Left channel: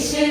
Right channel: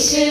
you.